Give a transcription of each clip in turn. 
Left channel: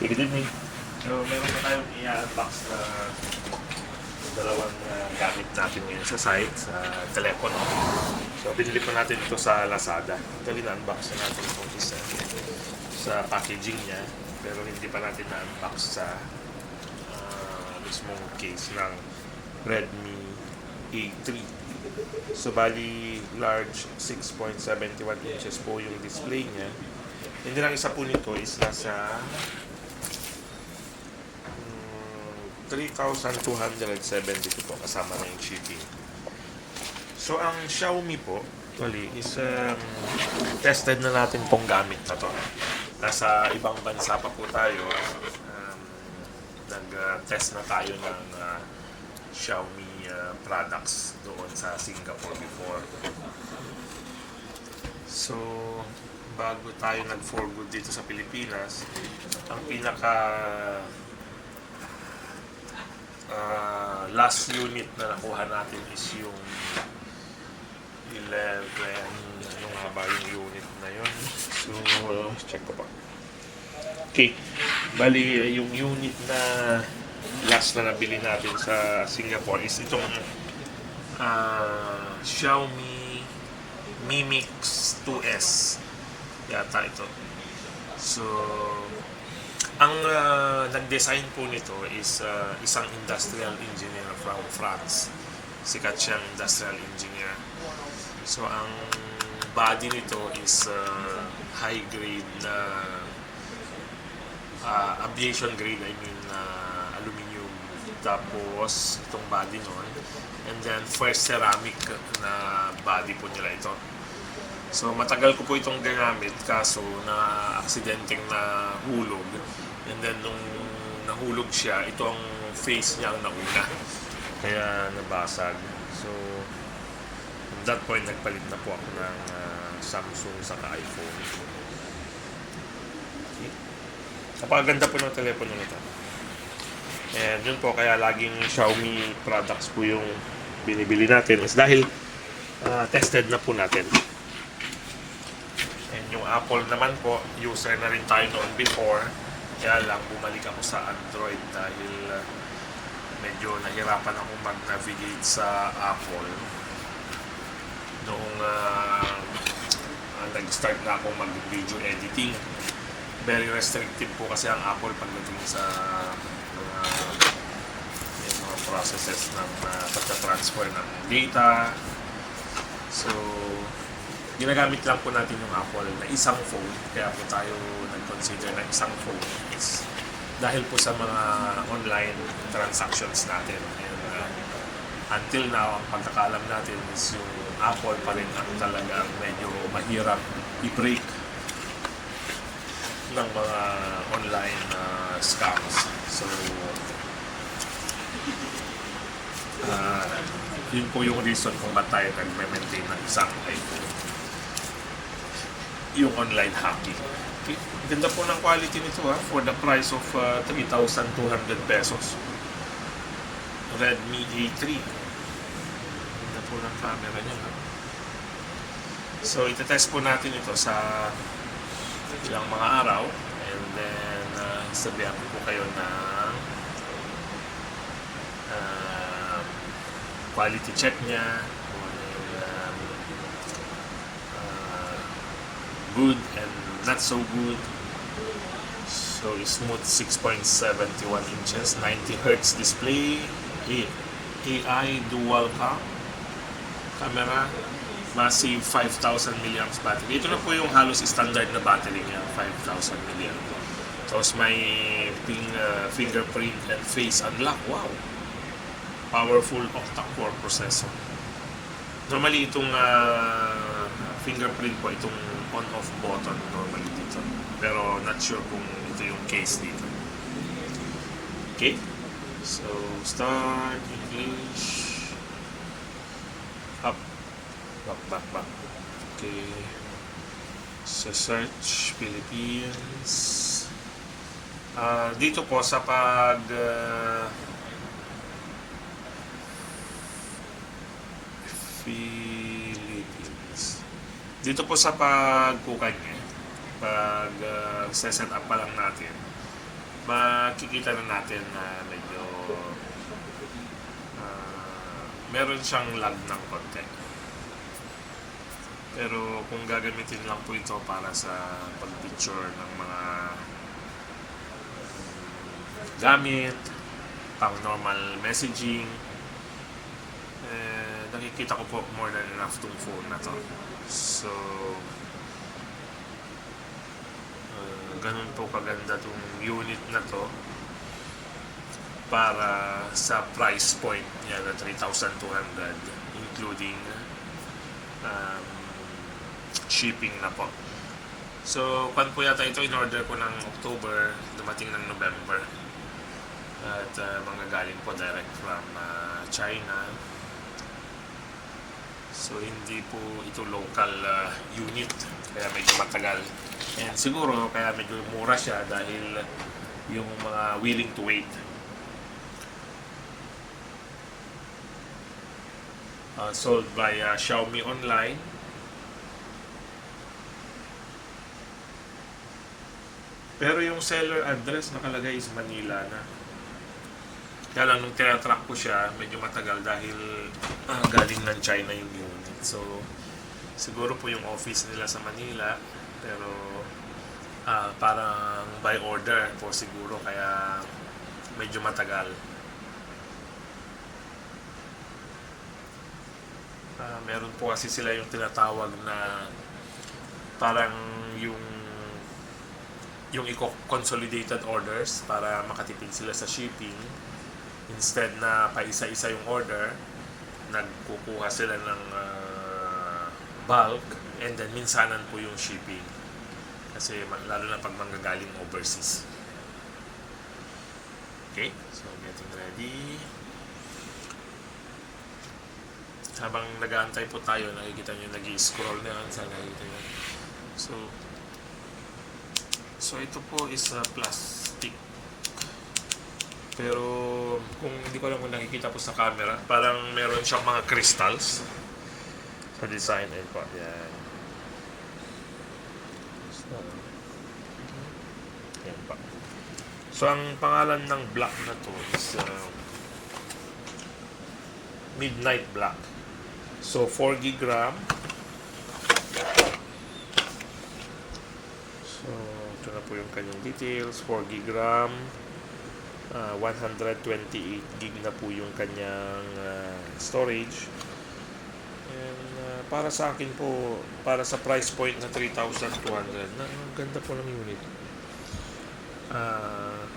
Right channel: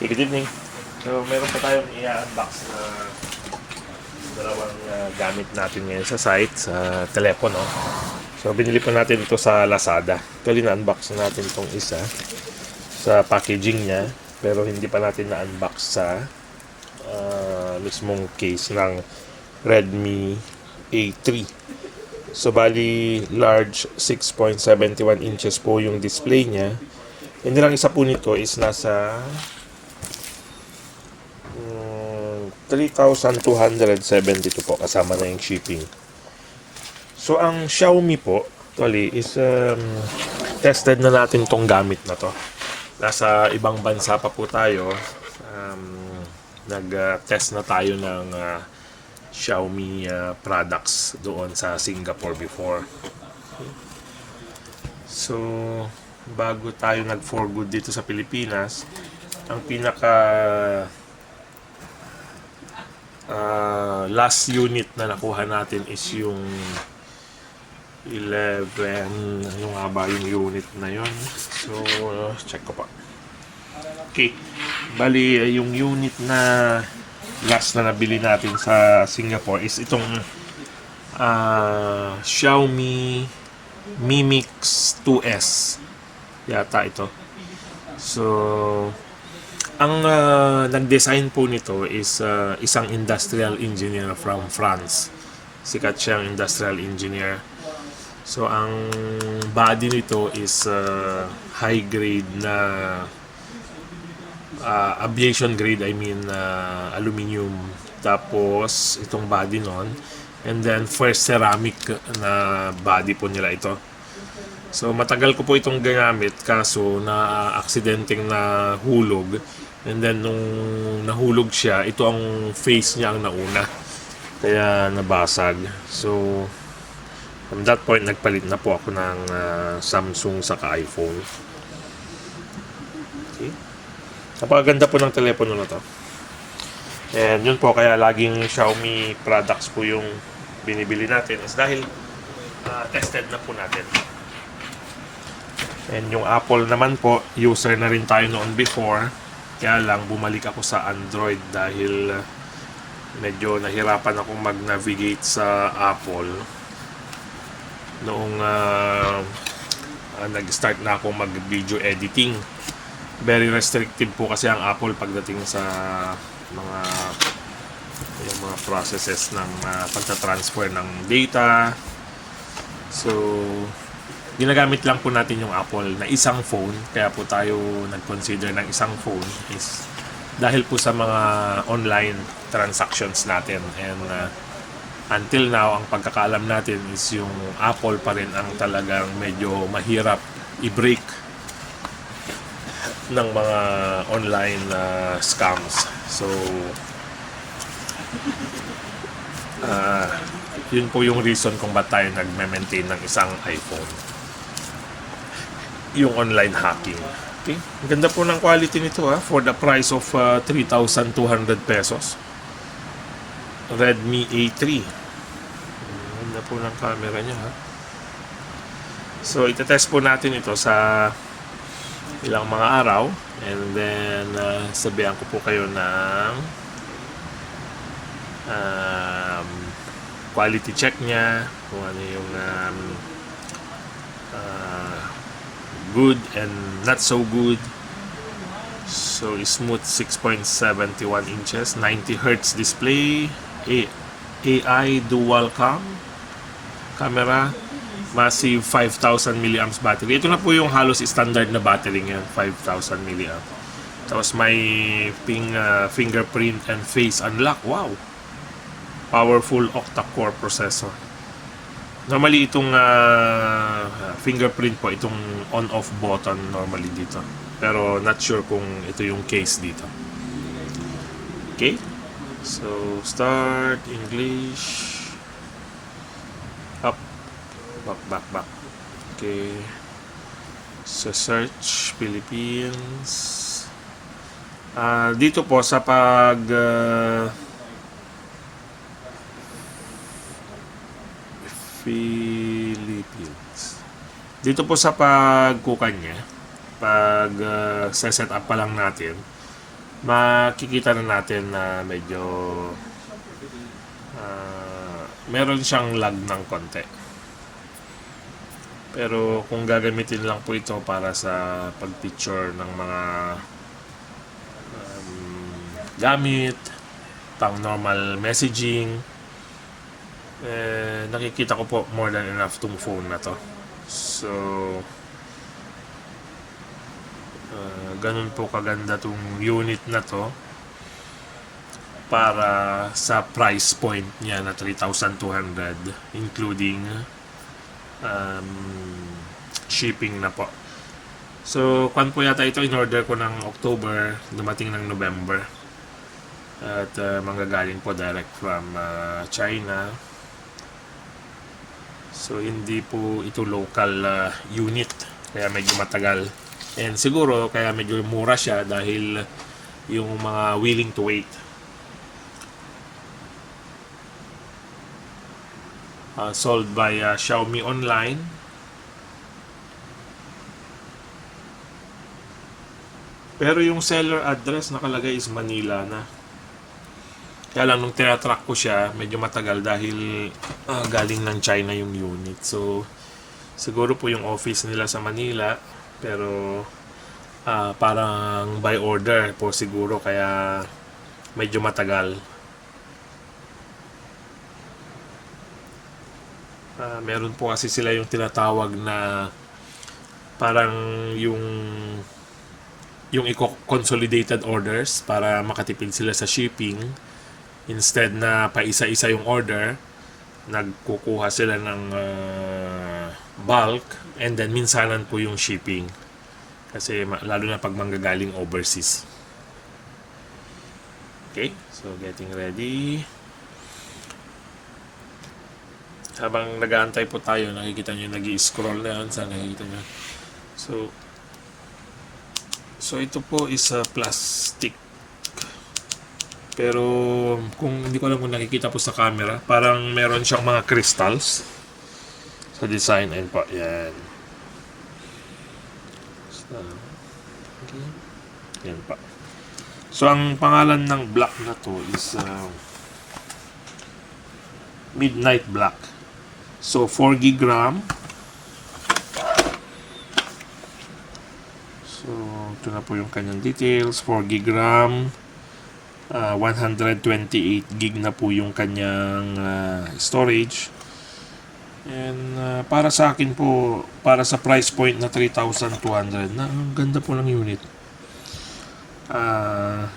Good evening. So, meron pa tayong i-unbox na dalawang gamit natin ngayon sa site, sa telepono. So, binili pa natin ito sa Lazada. Actually, na-unbox na natin itong isa sa packaging niya, pero hindi pa natin na-unbox sa mismong case ng Redmi A3. So, bali, large 6.71 inches po yung display niya. And then, ang isa po nito is nasa 3,272 po kasama na yung shipping. So ang Xiaomi po actually is tested na natin tong gamit na to. Nasa ibang bansa pa po tayo. Nag-test na tayo ng Xiaomi products doon sa Singapore before. So bago tayo nag-for good dito sa Pilipinas, ang pinaka last unit na nakuha natin is yung 11, yung nga ba yung unit na yun. So check ko pa. Okay, bali yung unit na last na nabili natin sa Singapore is itong Xiaomi Mi Mix 2S yata ito. So ang nag-design po nito is isang industrial engineer from France. Sikat siyang industrial engineer. So ang body nito is high grade na aviation grade, I mean aluminum. Tapos itong body nun. And then first ceramic na body po nila ito. So matagal ko po itong ginamit kaso na aksidenteng na hulog. And then nung nahulog siya, ito ang face niya ang nauna. Kaya nabasag. So from that point nagpalit na po ako ng Samsung saka iPhone. Okay. Napakaganda po ng telepono na to. And yun po kaya laging Xiaomi products po yung binibili natin is dahil tested na po natin. And yung Apple naman po, user na rin tayo noon before. Kaya lang bumalik ako sa Android dahil medyo nahirapan akong mag-navigate sa Apple. Noong nag-start na ako mag-video editing. Very restrictive po kasi ang Apple pagdating sa mga processes ng pagta-transfer ng data. So ginagamit lang po natin yung Apple na isang phone, kaya po tayo nag-consider ng isang phone is dahil po sa mga online transactions natin. And until now, ang pagkakaalam natin is yung Apple pa rin ang talagang medyo mahirap i-break ng mga online scams. So yun po yung reason kung ba't tayo nag-maintain ng isang iPhone, yung online hacking. Okay. Ang ganda po ng quality nito for the price of 3,200 pesos. Redmi A3. Ang ganda po ng camera niya. So itetest po natin ito sa ilang mga araw and then sabihan ko po kayo ng quality check niya kung ano yung good and not so good. So smooth 6.71 inches, 90 Hz display, AI dual cam camera, massive 5,000 mAh battery. Ito na po yung halos standard na battery niya, 5,000 mAh. Tapos may fingerprint and face unlock. Wow, powerful octa-core processor. Normally itong fingerprint po, itong on-off button normally dito. Pero not sure kung ito yung case dito. Okay. So start English. Up. Back. Okay. So search Philippines. Dito po sa pag Philippines. Dito po sa pagkukan niya, pag set up pa lang natin, makikita na natin na medyo meron siyang lag ng konti. Pero kung gagamitin lang po ito para sa pag-picture ng mga gamit, pang normal messaging, nakikita ko po more than enough tong phone na to. So, ganun po kaganda tong unit na to para sa price point niya na 3,200 including shipping na po. So, kan po yata ito, in-order ko ng October, dumating ng November. At manggagaling po direct from China. So, hindi po ito local unit, kaya medyo matagal. And siguro, kaya medyo mura siya dahil yung mga willing to wait. Sold by Xiaomi Online. Pero yung seller address nakalagay is Manila na. Kaya lang nung tinatrack ko siya, medyo matagal dahil galing ng China yung unit. So, siguro po yung office nila sa Manila, pero parang by order po siguro, kaya medyo matagal. Meron po kasi sila yung tinatawag na parang yung consolidated orders para makatipid sila sa shipping. Instead na pa isa-isa yung order, nagkukuha sila ng bulk, and then minsanan po yung shipping. Kasi lalo na pag manggagaling overseas. Okay, so getting ready. Habang nag-aantay po tayo, nakikita nyo nag-i-scroll na yan. Sana nakikita nyo. So ito po is plastic. Pero kung hindi ko alam kung nakikita po sa camera, parang meron siyang mga crystals sa design. Ayun po, yan. So, okay. Yan pa. So ang pangalan ng black na to is Midnight Black. So 4 GB RAM. So ito na po yung kanyang details. 4 GB RAM, 128 GB na po yung kanyang storage. And para sa akin po, para sa price point na 3,200, na ang ganda po ng unit.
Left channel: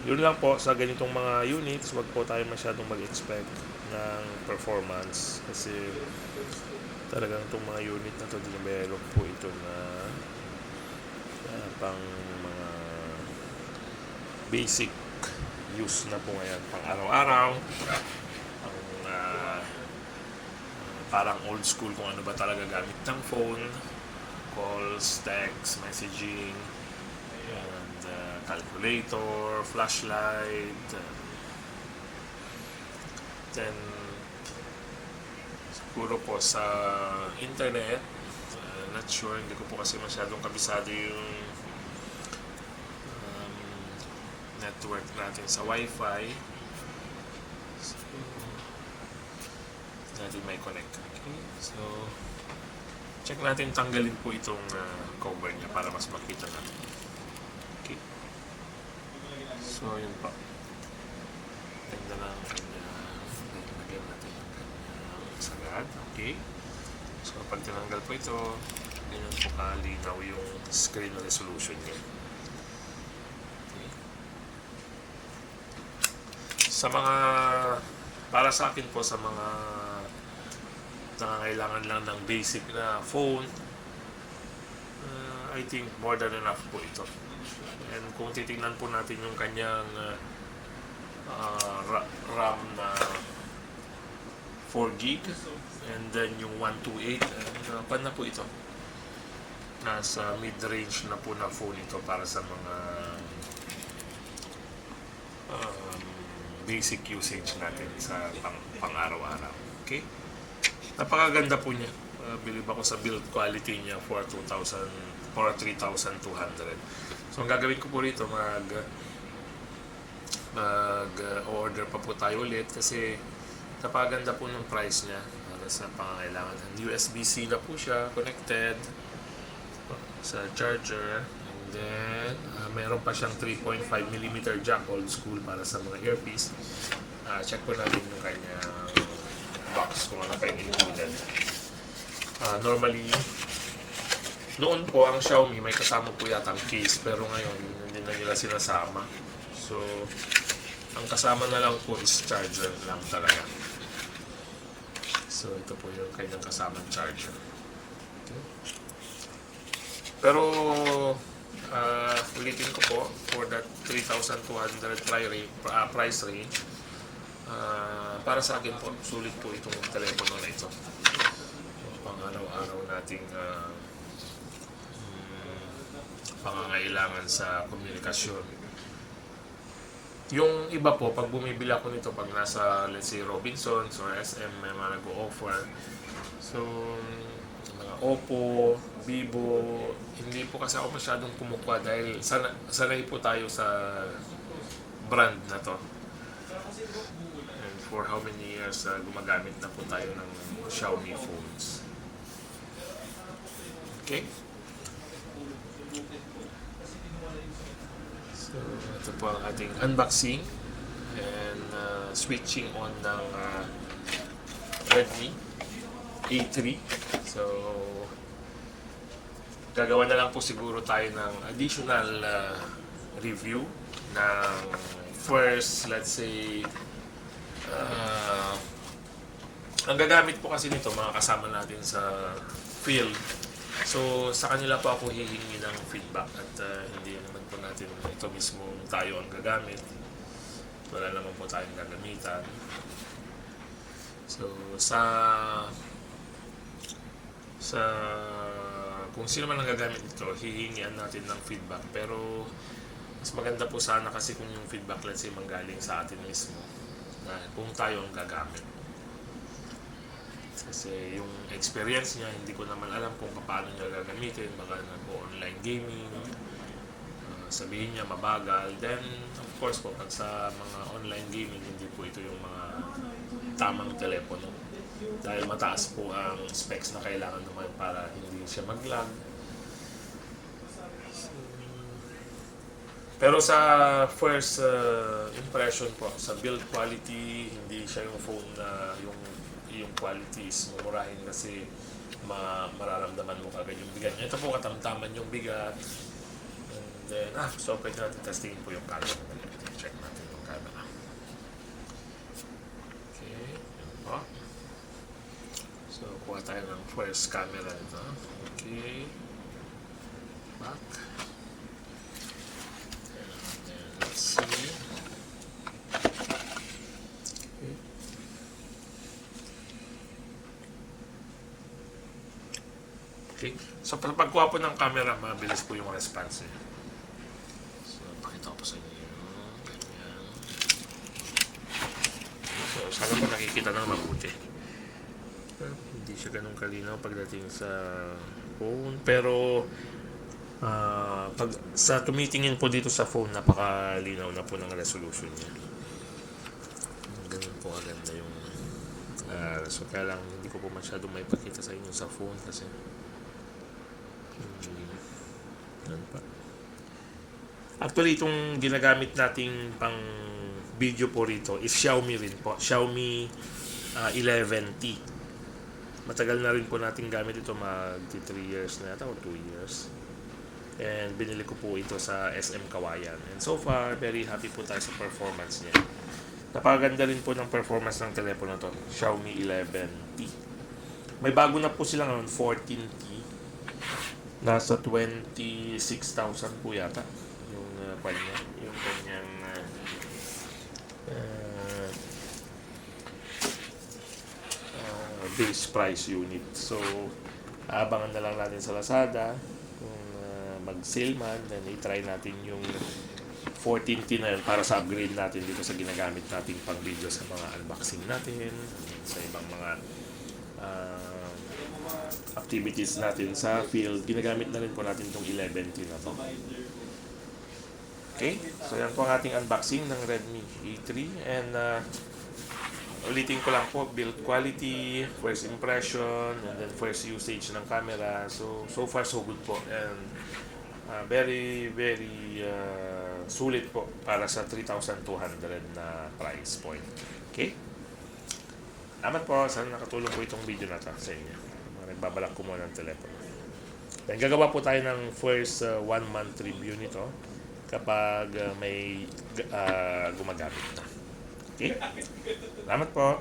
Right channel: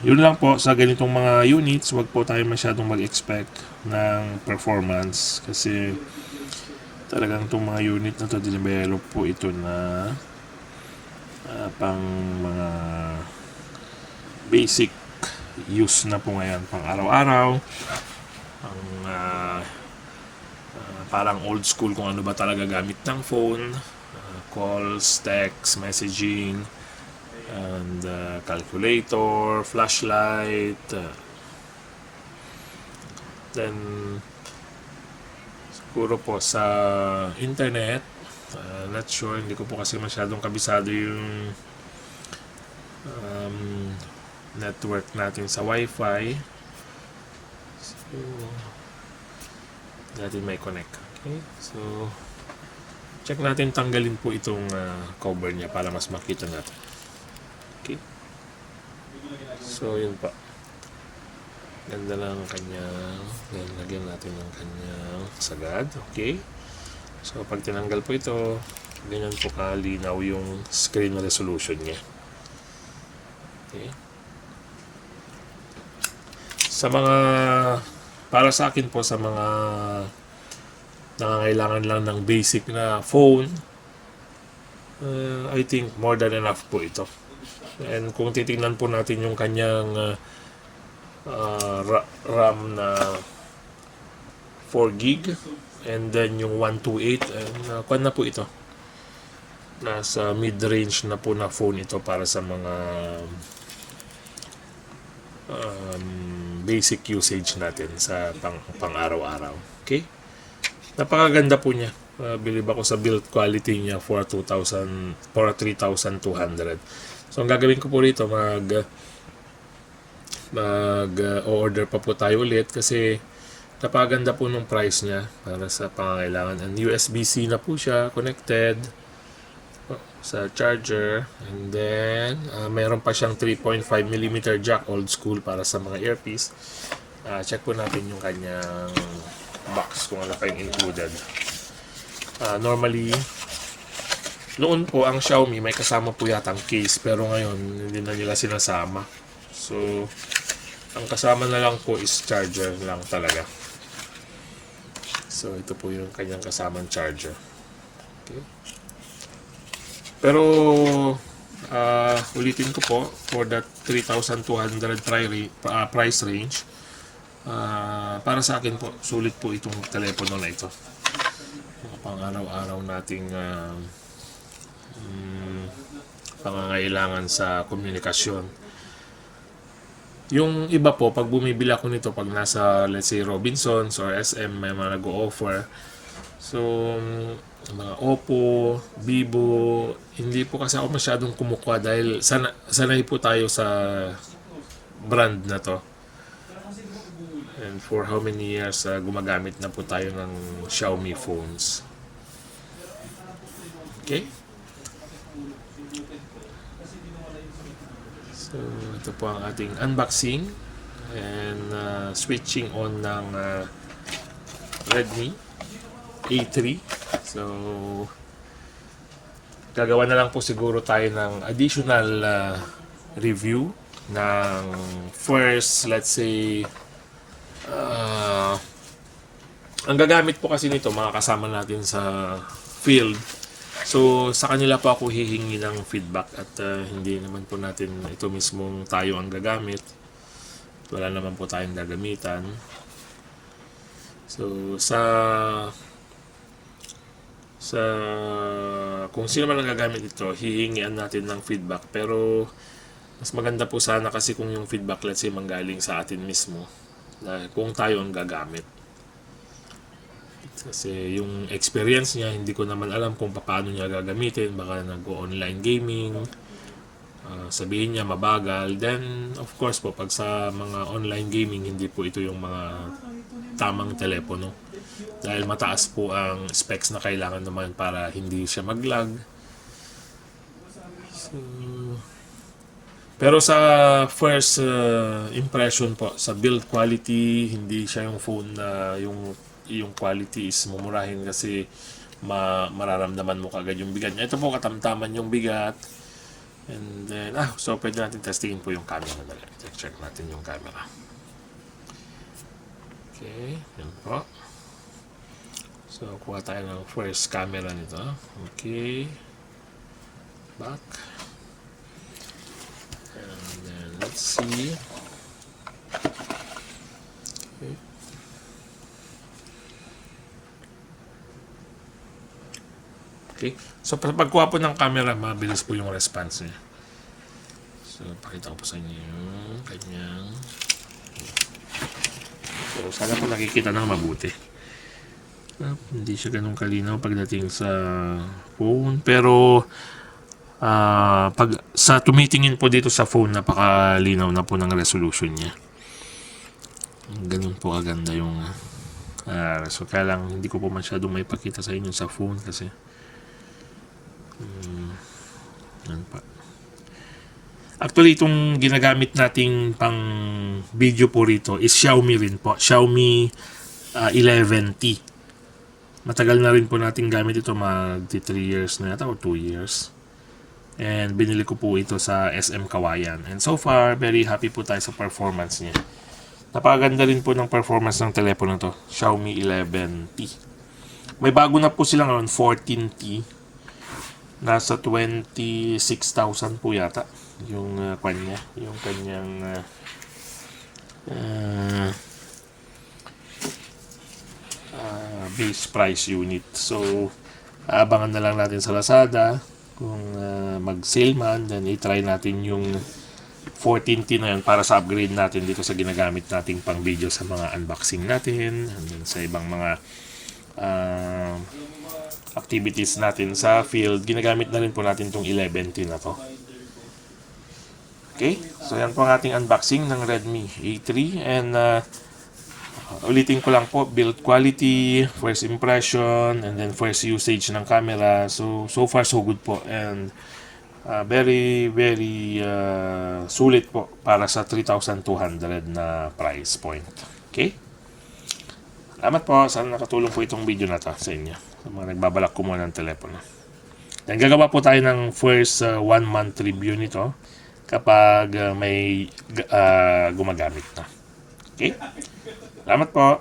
Yun lang po, sa ganitong mga units, wag po tayo masyadong mag-expect ng performance kasi talagang itong mga unit na to, dinevelop po ito na pang mga basic use na po ngayon, pang araw-araw, parang old school kung ano ba talaga gamit ng phone, calls, text, messaging, and calculator, flashlight, then siguro po sa internet, not sure, hindi ko po kasi masyadong kabisado yung network natin sa wifi. So natin may connect. Okay, so check natin, tanggalin po itong cover niya para mas makita natin. Okay, so yun pa, ganda lang kanyang, lagyan natin ng kanyang sagad. Okay, so pag tinanggal po ito, ganyan po kalinaw yung screen resolution niya. Okay, sa mga, para sa akin po, sa mga nangangailangan lang ng basic na phone, I think more than enough po ito. And kung titingnan po natin yung kanyang RAM na 4 GB, and then yung 128, pan na po ito, nasa mid-range na po na phone ito para sa mga basic usage natin sa pang araw-araw. Okay, napakaganda po niya. Believe ako sa build quality niya for 3,200. So ang gagawin ko po rito, mag-order pa po tayo ulit kasi napaganda po nung price niya para sa pangangailangan. And USB-C na po siya, connected sa charger. And then, mayroon pa siyang 3.5mm jack, old school para sa mga earpiece. Check po natin yung kanyang box kung ano pa yung included. Normally, noon po ang Xiaomi may kasama po yata ang case, pero ngayon hindi na nila sinasama. So, ang kasama na lang po is charger lang talaga. So, ito po yung kanyang kasamang charger. Okay. Pero, ulitin ko po, for that 3,200 price range, para sa akin po, sulit po itong telepono na ito. Pang araw-araw nating pangangailangan sa komunikasyon. Yung iba po, pag bumibili ako nito, pag nasa, let's say, Robinsons or SM, may mga nag-o-offer. So, mga Oppo, Vivo, hindi po kasi ako masyadong kumukuha dahil sanay po tayo sa brand na to. And for how many years gumagamit na po tayo ng Xiaomi phones. Okay? So, ito po ang ating unboxing and switching on ng Redmi A3. So, gagawa na lang po siguro tayo ng additional review ng first, let's say, ang gagamit po kasi nito, mga kasama natin sa field. So, sa kanila po ako hihingi ng feedback at hindi naman po natin ito mismong tayo ang gagamit. Wala naman po tayong gagamitan. So, kung sino man ang gagamit ito, hihingian natin ng feedback. Pero, mas maganda po sana kasi kung yung feedback, let's say, manggaling sa atin mismo. Dahil kung tayo ang gagamit. Kasi yung experience niya, hindi ko naman alam kung paano niya gagamitin. Baka nag-online gaming, sabihin niya mabagal. Then, of course po, pag sa mga online gaming, hindi po ito yung mga tamang telepono. Dahil mataas po ang specs na kailangan naman para hindi siya mag-lag. So, pero sa first impression po, sa build quality, hindi siya yung phone na yung quality is mumurahin kasi mararamdaman mo kagad yung bigat niya. Ito po katamtaman yung bigat. And then, so pwede natin testingin po yung camera. Check natin yung camera. Okay, yun po. So, kuha tayo ng first camera nito. Okay. Back. And then, let's see. Okay. Okay. So, pagkuha po ng camera, mabilis po yung response niya. So, pakita ko po sa inyo yung kanyang. So, sana po nakikita ng mabuti. Hindi siya ganun kalinaw pagdating sa phone. Pero, pag sa tumitingin po dito sa phone, napakalinaw na po ng resolution niya. Ganun po kaganda yung so, kaya lang hindi ko po masyadong may pakita sa inyo sa phone kasi yan pa. Actually, itong ginagamit nating pang video po rito is Xiaomi rin po. Xiaomi 11T. Matagal na rin po nating gamit ito, mag 3 years na yata o 2 years. And binili ko po ito sa SM Kawayan. And so far, very happy po tayo sa performance niya. Napakaganda rin po ng performance ng telepono to. Xiaomi 11T. May bago na po sila ngayon, 14T. Nasa 26,000 po yata yung kanya, yung kanyang base price unit. So, abangan na lang natin sa Lazada kung mag-sale man, then i-try natin yung 14T na yun para sa upgrade natin dito sa ginagamit nating pang video sa mga unboxing natin and then sa ibang mga activities natin sa field. Ginagamit na rin po natin itong 11T na to. Okay, so yan po ang ating unboxing ng Redmi A3 and ulitin ko lang po, build quality, first impression, and then first usage ng camera. So far so good po and very sulit po para sa 3,200 na price point. Okay? Salamat po. Sana nakatulong po itong video na to sa inyo. Sa mga nagbabalak kumuha ng telepono. Then gagawa po tayo ng first 1 month review nito kapag may gumagamit na. Okay? Salamat po.